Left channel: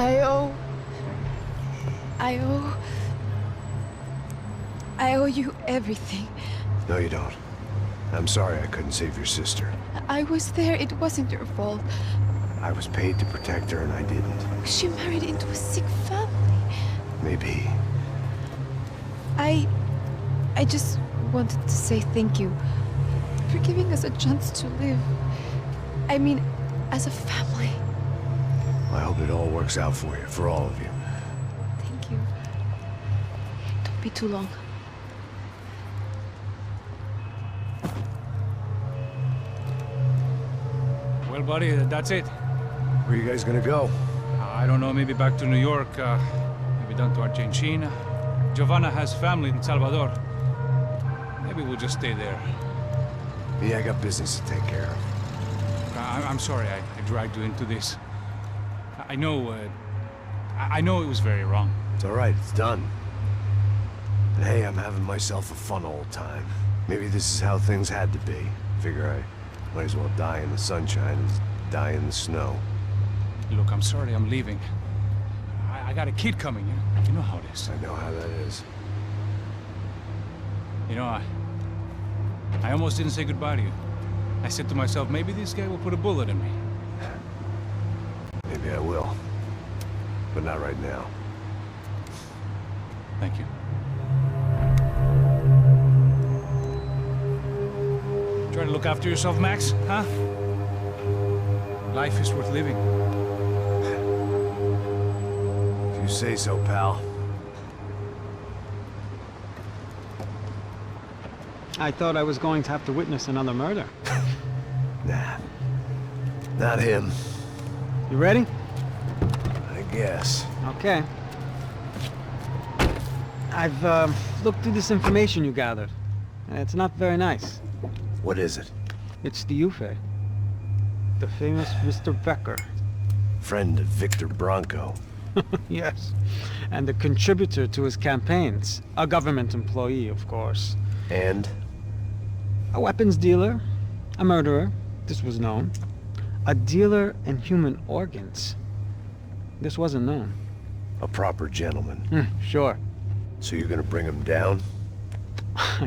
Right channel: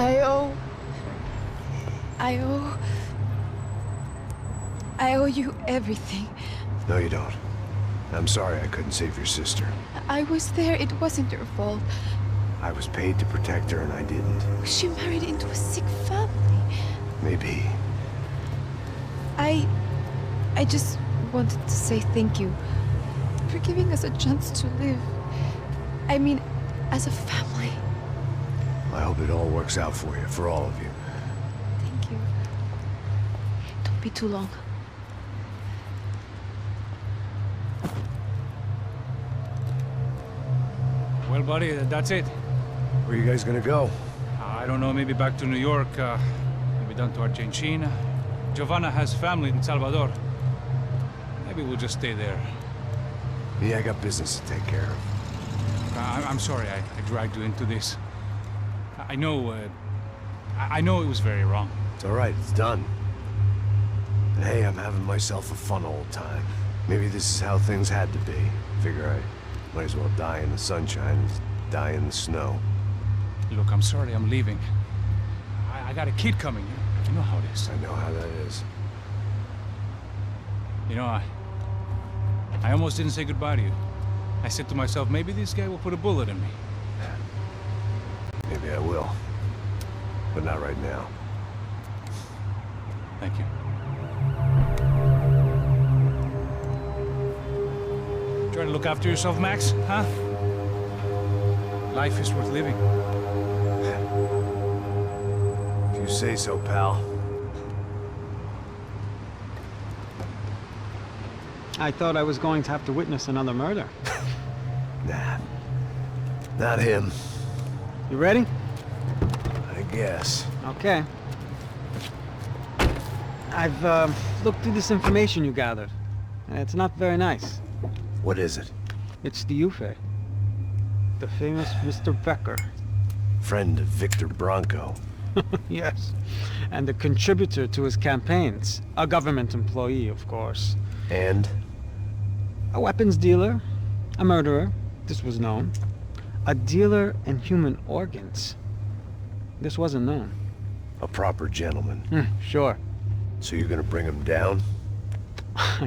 I owe... I owe you everything. No, you don't. I'm sorry I couldn't save your sister. I was there. It wasn't your fault. I was paid to protect her and I didn't. She married into a sick family. Maybe. I just wanted to say thank you for giving us a chance to live. I mean, as a family. I hope it all works out for you, for all of you. Thank you. Don't be too long. Well, buddy, that's it. Where are you guys gonna go? I don't know, maybe back to New York, maybe down to Argentina. Giovanna has family in Salvador. Maybe we'll just stay there. Yeah, I got business to take care of. I'm sorry I dragged you into this. I know it was very wrong. It's all right, it's done. And hey, I'm having myself a fun old time. Maybe this is how things had to be. Figure I might as well die in the sunshine as die in the snow. Look, I'm sorry I'm leaving. I got a kid coming, you know how it is. I know how that is. You know, I almost didn't say goodbye to you. I said to myself, maybe this guy will put a bullet in me. Maybe I will. But not right now. Thank you. Try to look after yourself, Max, huh? Life is worth living. If you say so, pal. I thought I was going to have to witness another murder. Nah. Not him. You ready? I guess. Okay. I've looked through this information you gathered. And it's not very nice. What is it? It's the 𝙤𝙢. The famous Mr. Becker. Friend of Victor Bronco. Yes. And a contributor to his campaigns. A government employee, of course. And? A weapons dealer. A murderer. This was known. A dealer in human organs. This wasn't known. A proper gentleman. Sure. So you're gonna bring him down?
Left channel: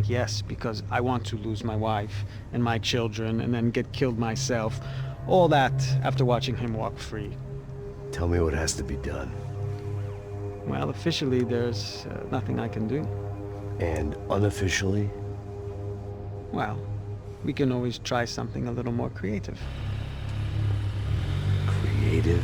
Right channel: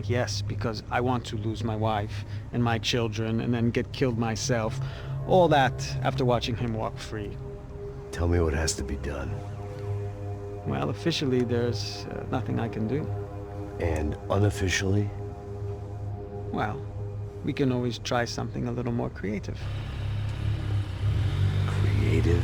Yes, because I want to lose my wife and my children and then get killed myself. All that after watching him walk free. Tell me what has to be done. Well, officially there's nothing I can do. And unofficially? Well, we can always try something a little more creative. Creative?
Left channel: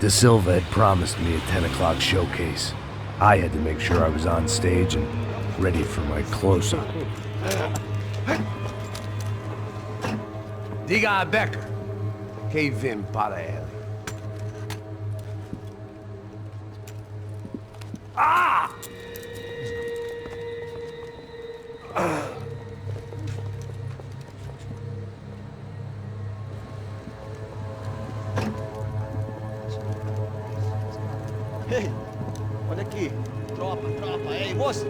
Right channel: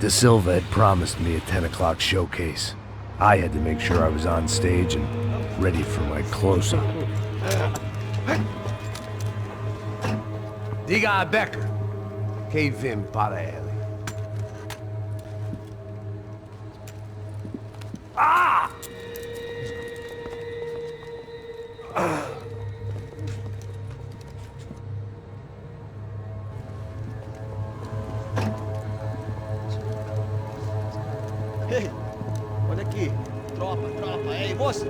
𝙤𝙤 had promised me a 10 o'clock showcase. I had to make sure I was on stage and ready for my close-up. Diga a Becker. Que vim para ele. Ah! Ei, olha aqui. Tropa. Ei, moço.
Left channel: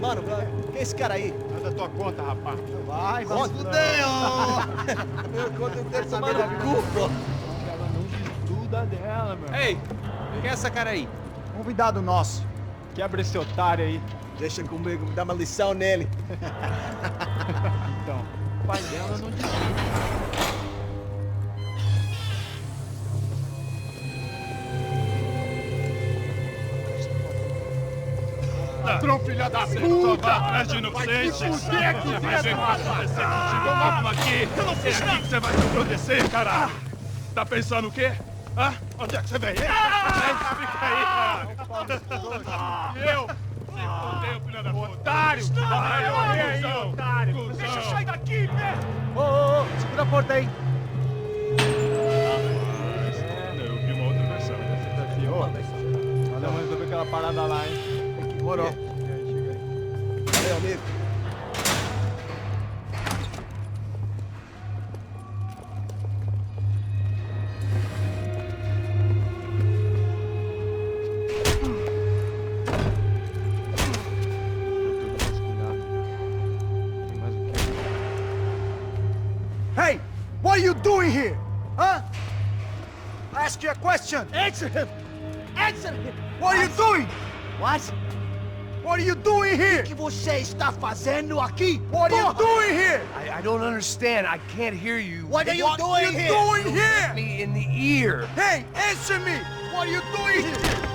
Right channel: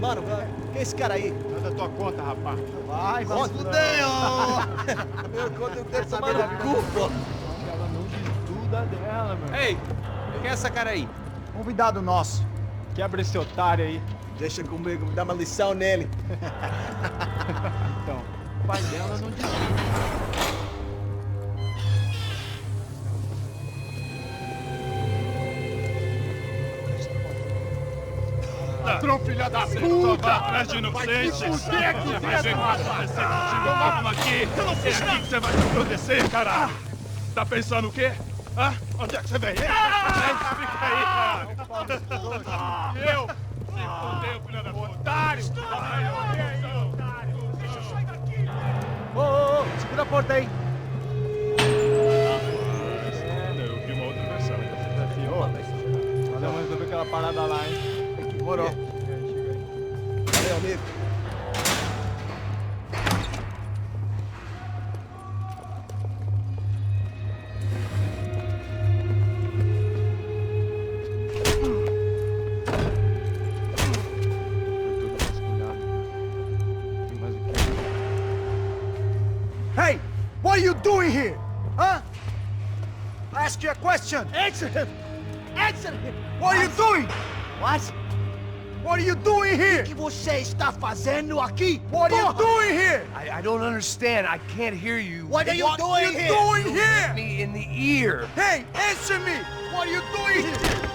Mano, quem é esse cara aí? Manda tua conta, rapaz. Vai fudeu! Meu conta eu quero saber da culpa. Ela não diz tudo a dela, meu. Ei, quem é essa cara aí? Convidado nosso. Quebra esse otário aí. Deixa comigo, me dá uma lição nele. Então, o pai dela não diz tudo. Ladrão, filha da puta! Vai atrás de inocente! Vai se fuder, que vai ver o que vai acontecer contigo! Vamos aqui! Eu não fiz nada! É aqui que você vai se acontecer, caralho! Tá pensando o quê? Hã? Onde é que você vem? Fica aí, cara! Eu? Se fudeu, filha da puta! Otário! Vai, aí, otário! Deixa eu sair daqui, né? Ô, segura a porta aí! Eu vi uma outra versão. Valeu, mas resolver aquela parada lá, hein? Demorou. Chega aí. Valeu, amigo. Hey! What are you doing here? Huh? I ask you a question. Answer him! Answer him! What are you doing? What? What are you doing here? O que você está fazendo aqui? What are you doing here? I don't understand. I can't hear you. What are you doing here? What are you doing here? Me in the ear. Hey, answer me! What are you doing here?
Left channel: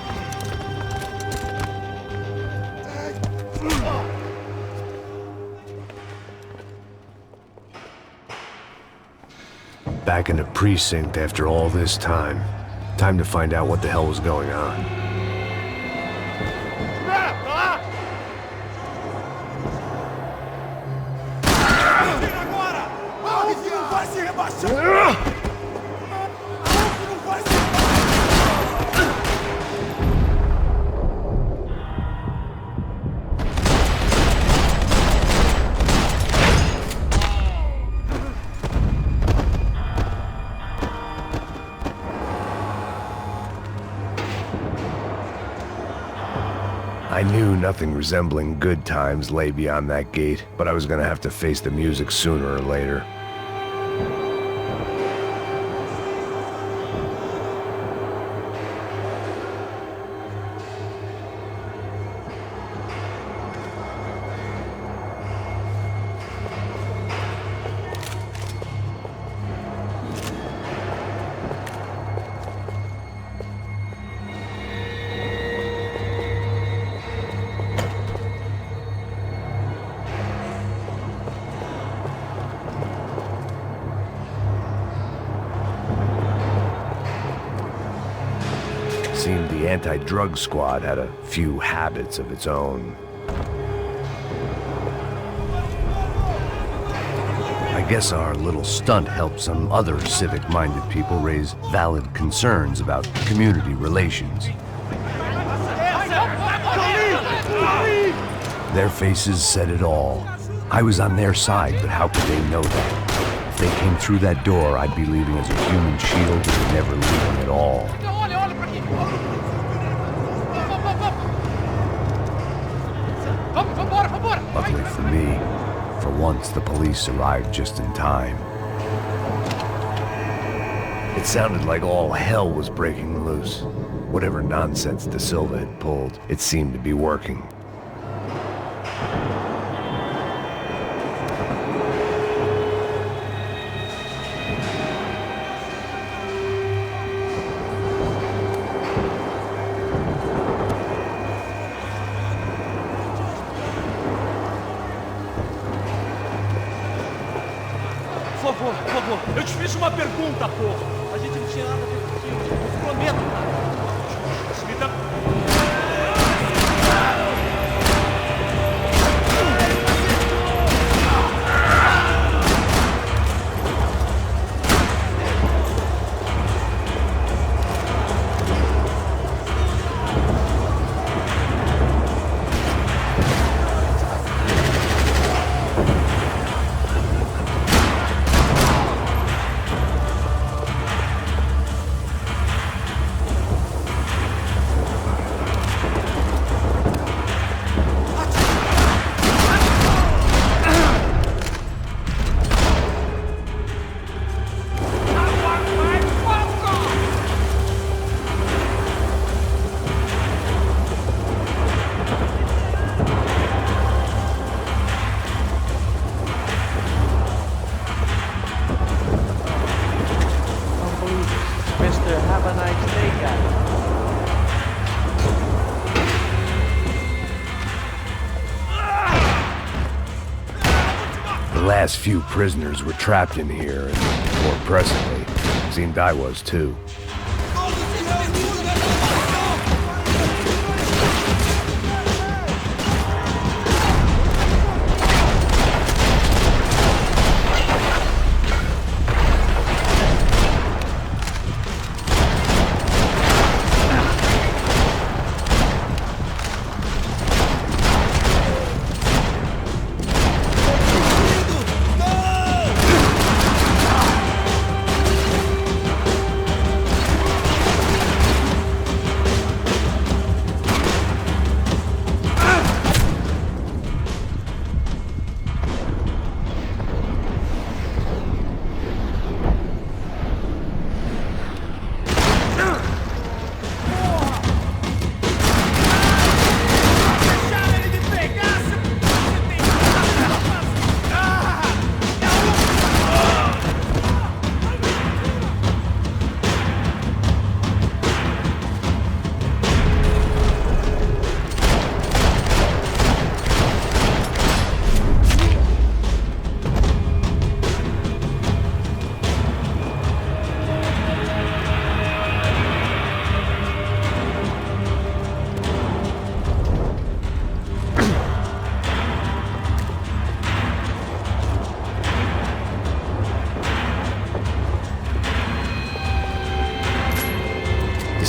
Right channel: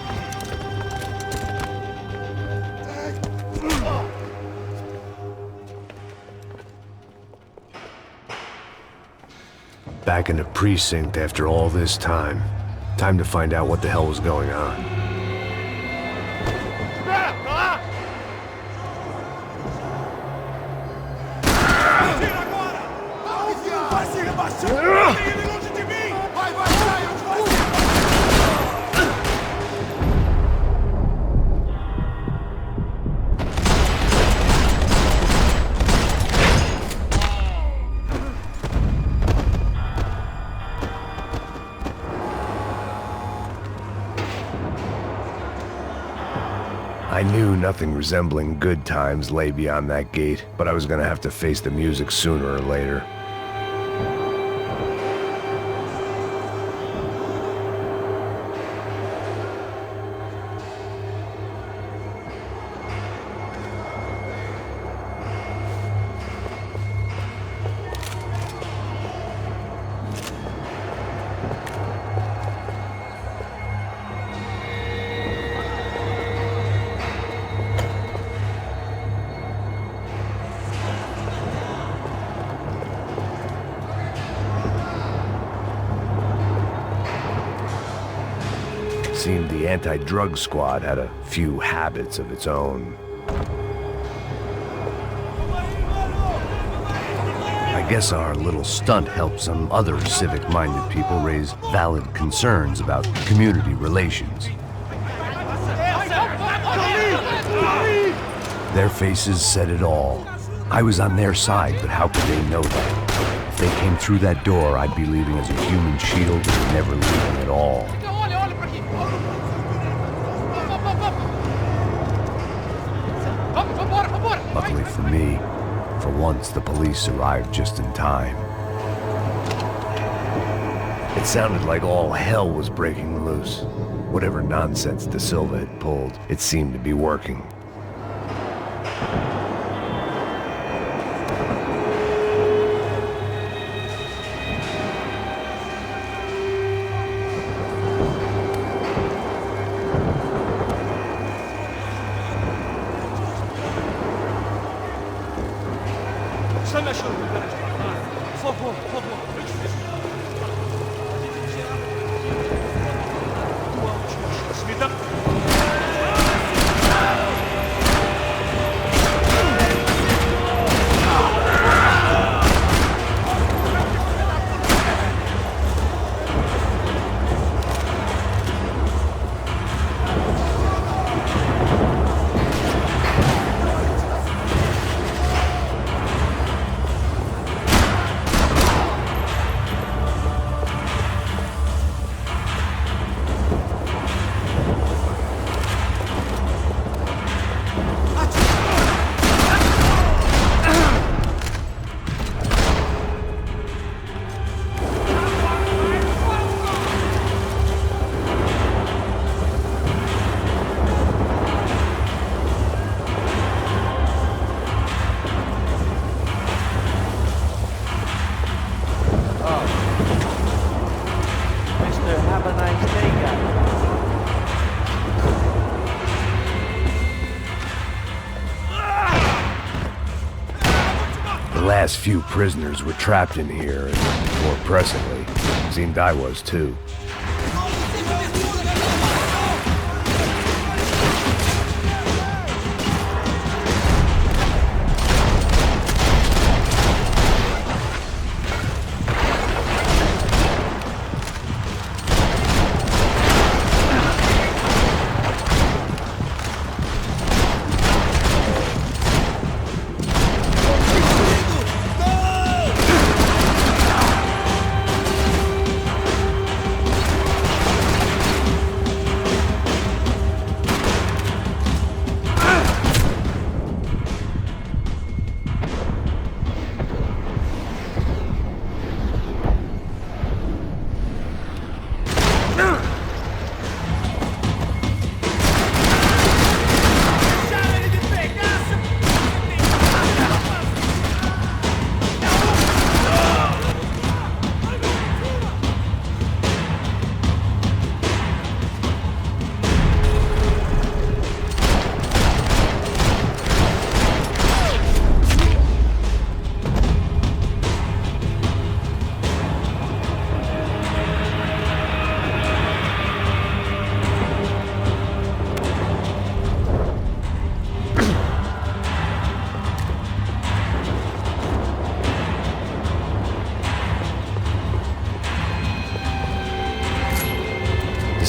Back in the precinct after all this time. Time to find out what the hell was going on. I knew nothing resembling good times lay beyond that gate, but I was gonna have to face the music sooner or later. Seemed the anti-drug squad had a few habits of its own. I guess our little stunt helped some other civic-minded people raise valid concerns about community relations. Their faces said it all. I was on their side, but how could they know that? If they came through that door, I'd be leaving as a human shield and never leaving at all. Luckily for me, for once the police arrived just in time. It sounded like all hell was breaking loose. Whatever nonsense 𝙤𝙤 had pulled, it seemed to be working. Por favor, eu te fiz uma pergunta, pô. A gente não tinha nada a ver contigo. Prometo, tua última chance. Me dá... Have a nice day, guys. The last few prisoners were trapped in here, and more pressingly, 𝙤𝙤𝙙𝙀 was too.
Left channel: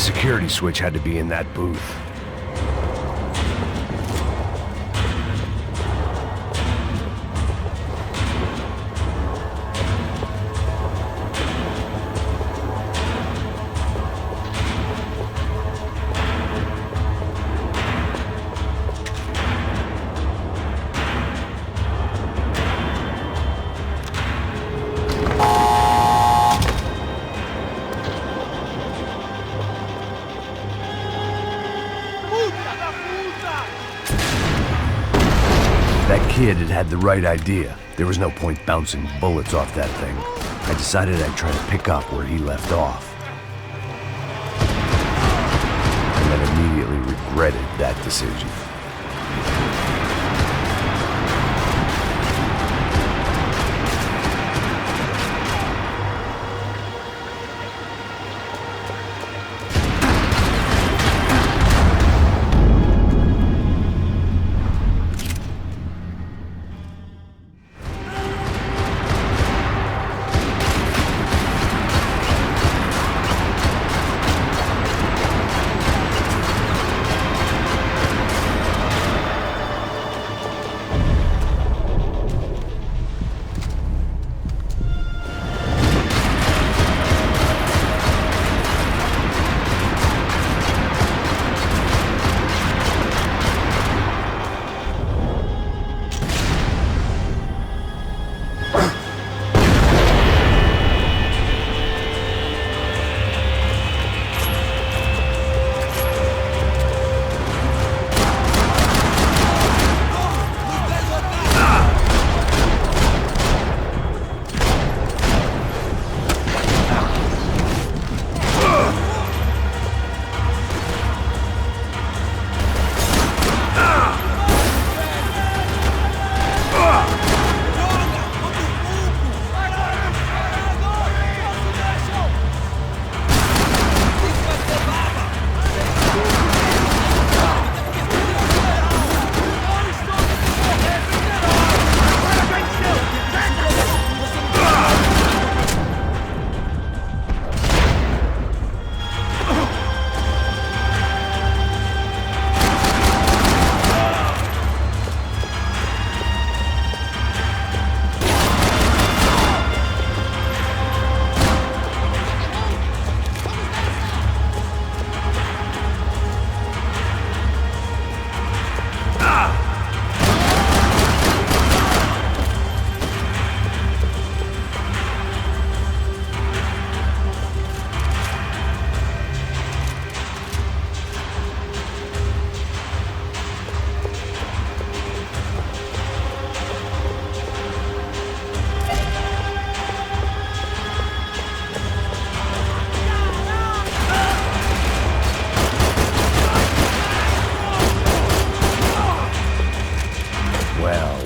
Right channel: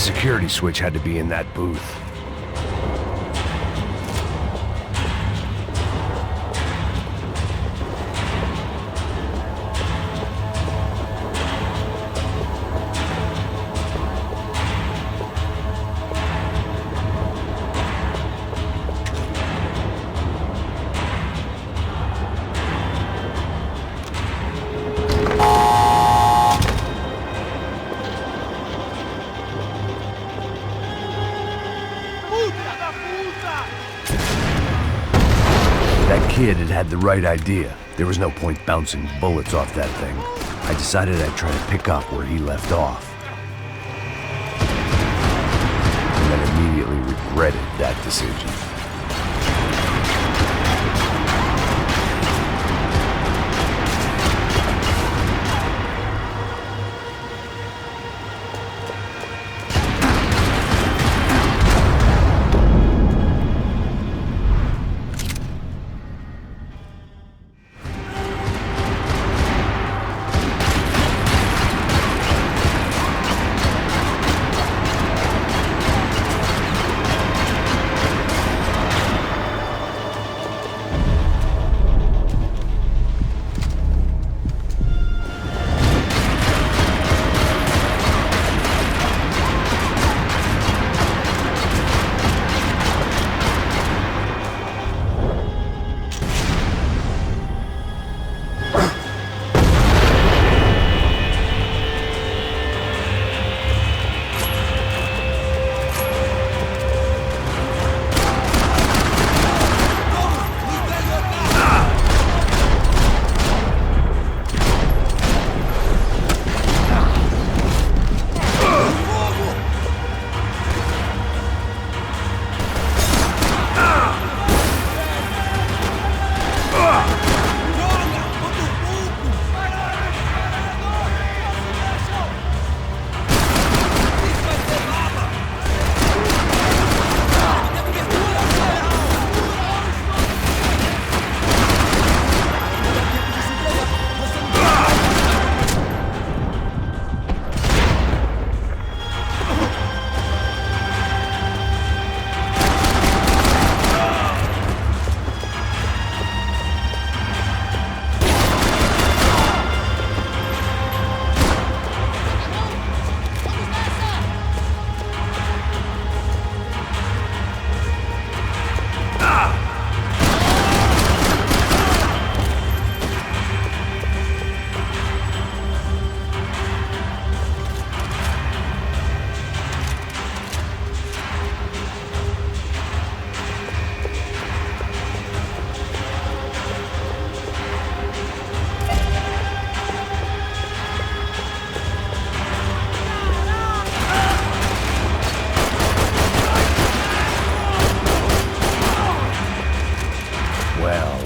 security switch had to be in that booth. That kid had the right idea. There was no point bouncing bullets off that thing. I decided I'd try to pick up where he left off. And then immediately regretted that decision.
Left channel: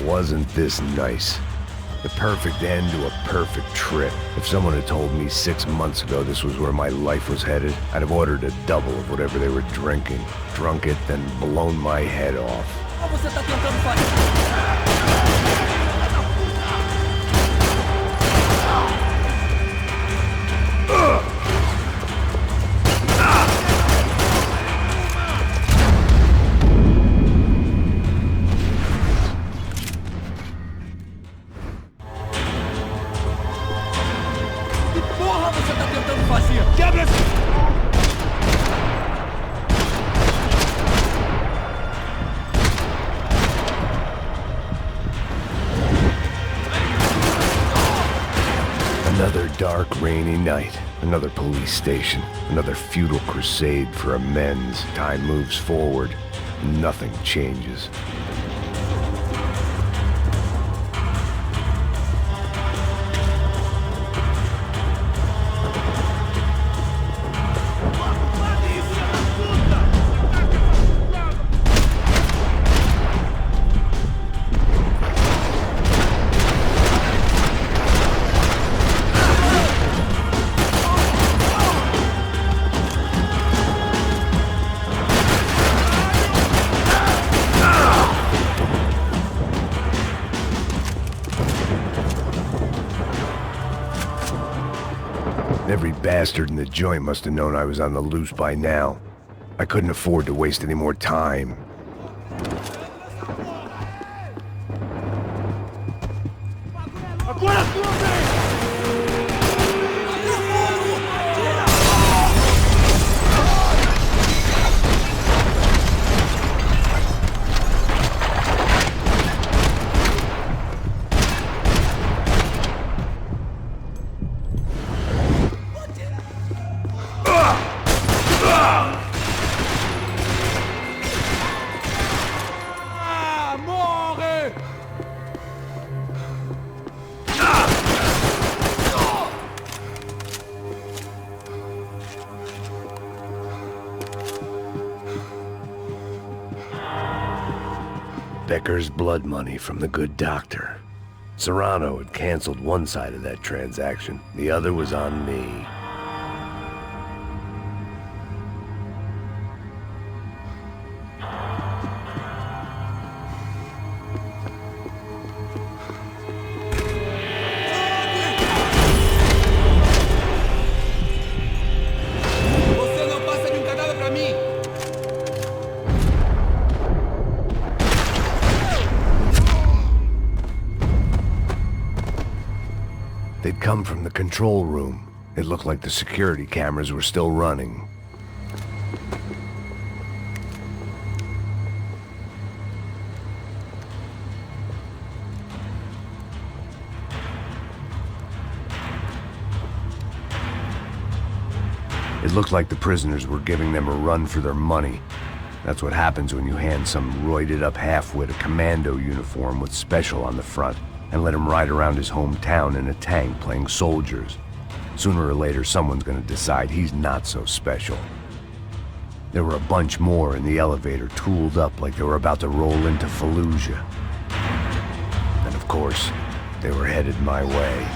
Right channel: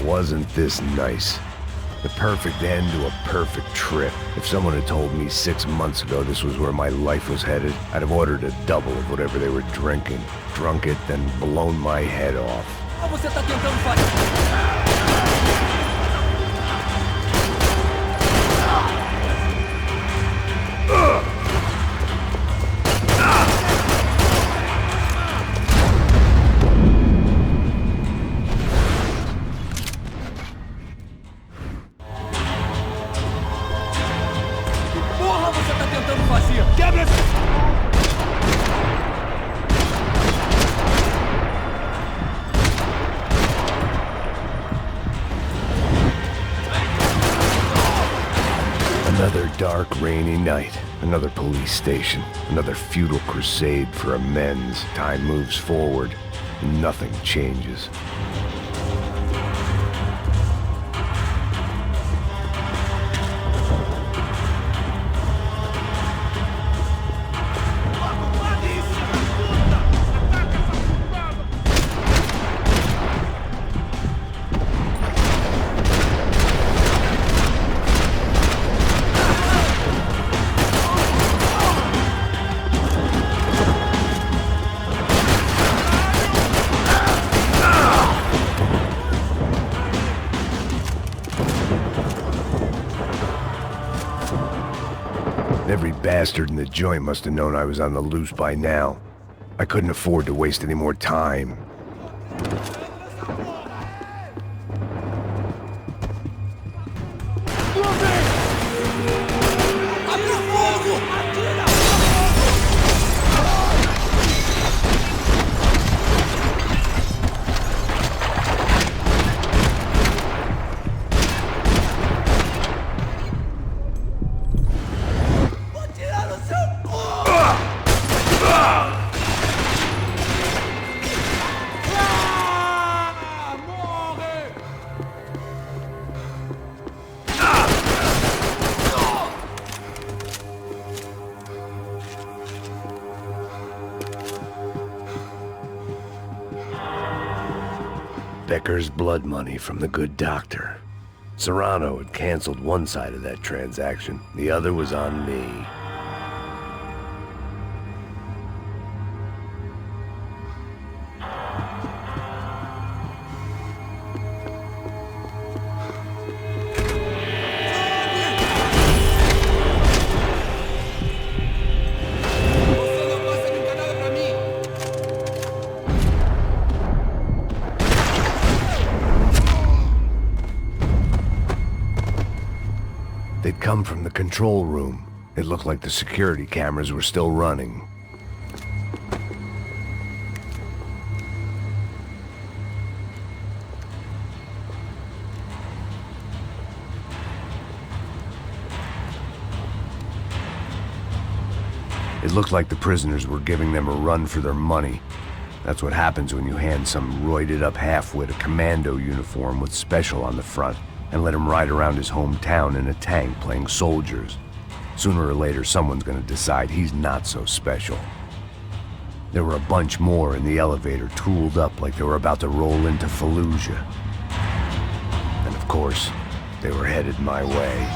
Wasn't this nice? The perfect end to a perfect trip. If someone had told me 6 months ago this was where my life was headed, I'd have ordered a double of whatever they were drinking, drunk it, then blown my head off. Another dark, rainy night. Another police station. Another futile crusade for amends. Time moves forward, and nothing changes. bastard in the joint must have known I was on the loose by now. I couldn't afford to waste any more time. Becker's blood money from the good doctor. Serrano had canceled one side of that transaction. The other was on me. They'd come from the control room. It looked like the security cameras were still running. It looked like the prisoners were giving them a run for their money. That's what happens when you hand some roided-up half-wit a commando uniform with special on the front and let him ride around his hometown in a tank playing soldiers. Sooner or later, someone's gonna decide he's not so special. There were a bunch more in the elevator, tooled up like they were about to roll into Fallujah. And of course, they were headed my way.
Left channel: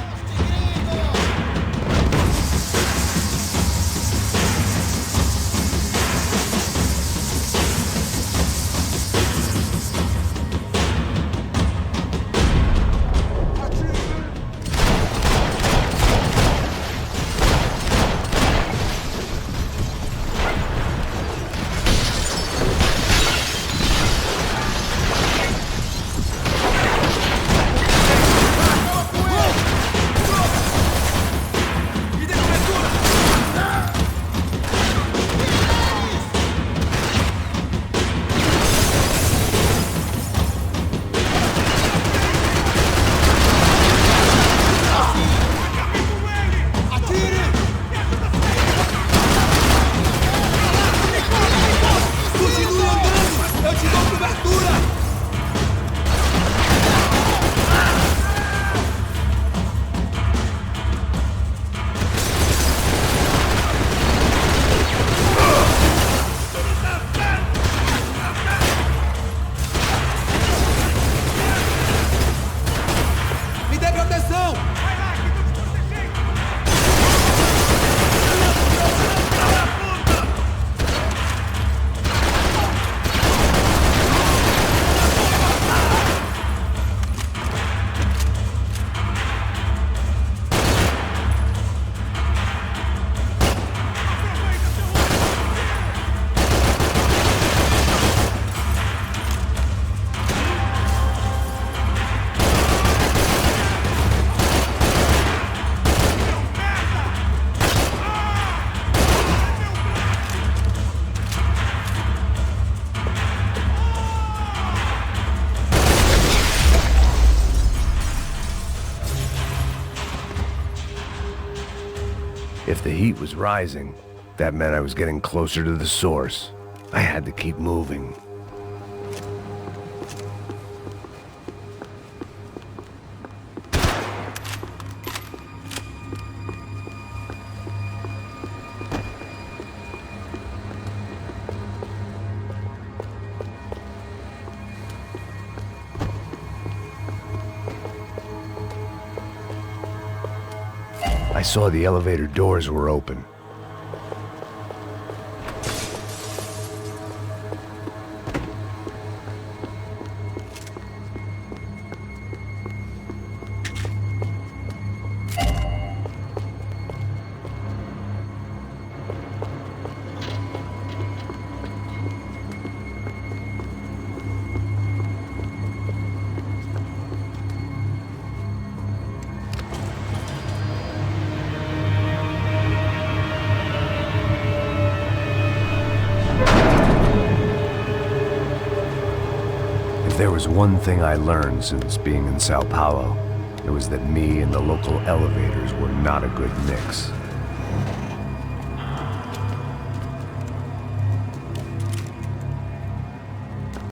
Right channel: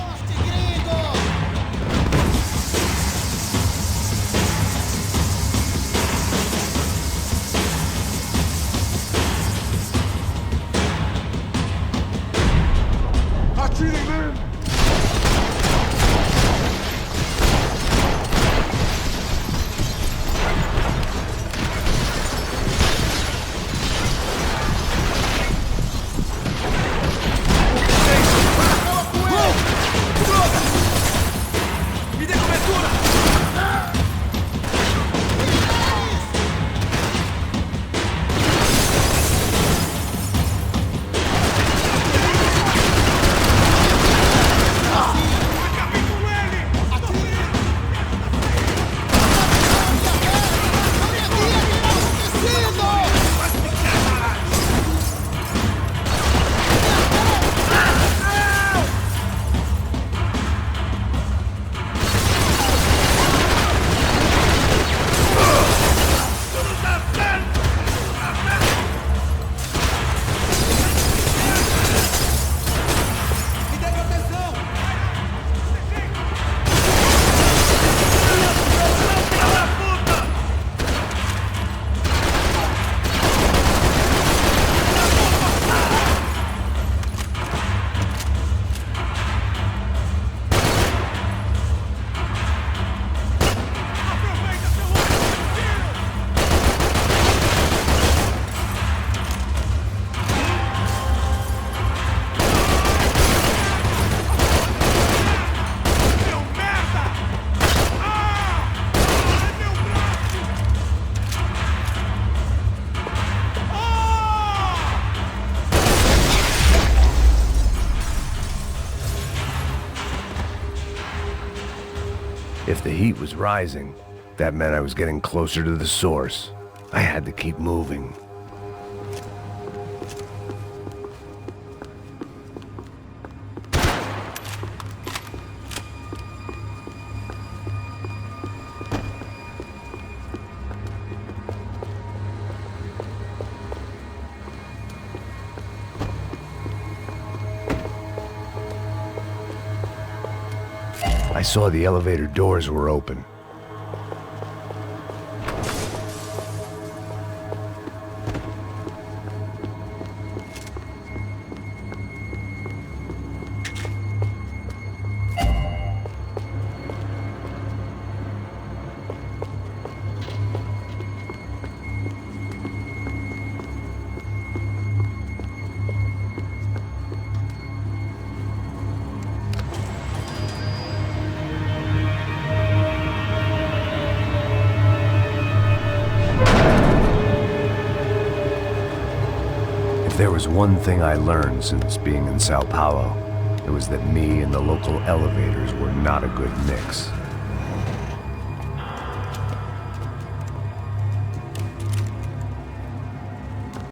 If the heat was rising, that meant I was getting closer to the source. I had to keep moving. I saw the elevator doors were open. If there was one thing I learned since being in Sao Paulo, it was that me and the local elevators were not a good mix.